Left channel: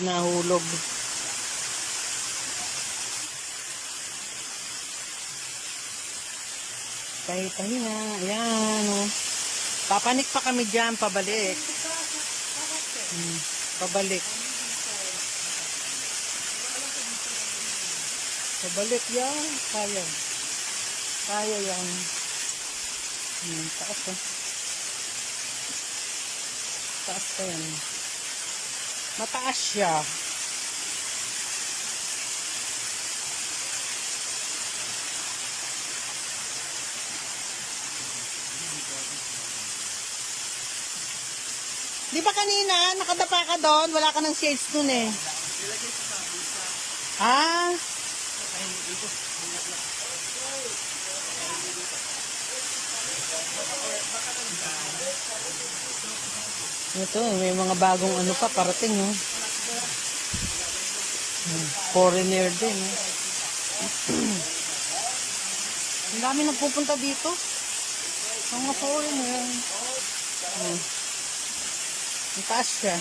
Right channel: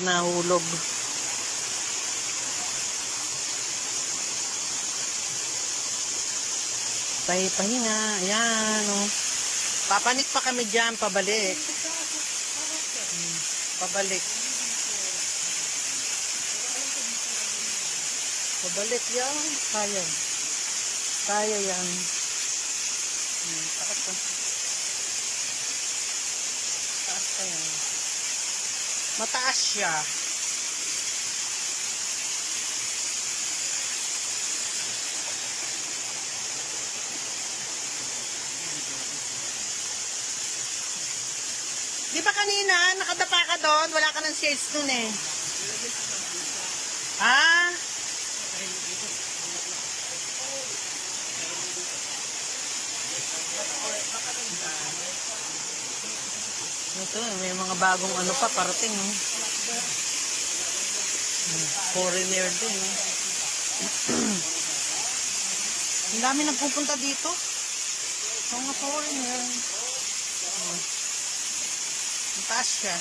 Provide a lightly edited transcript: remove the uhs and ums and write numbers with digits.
Nahulog. Pahinga. Ayan, oh. Papanik pa kami dyan, pabalik. Pabalik. Pabalik yan. Kaya. Kaya yan. Taas ka. Taas ka yan. Mataas siya. Di ba kanina, nakadapa ka doon? Wala ka ng shades dun eh. Ah? Ito, may mga bagong ano pa, parating eh. Foreigner din eh. Ang dami nagpupunta dito. Mga foreigner. Ang taas siya.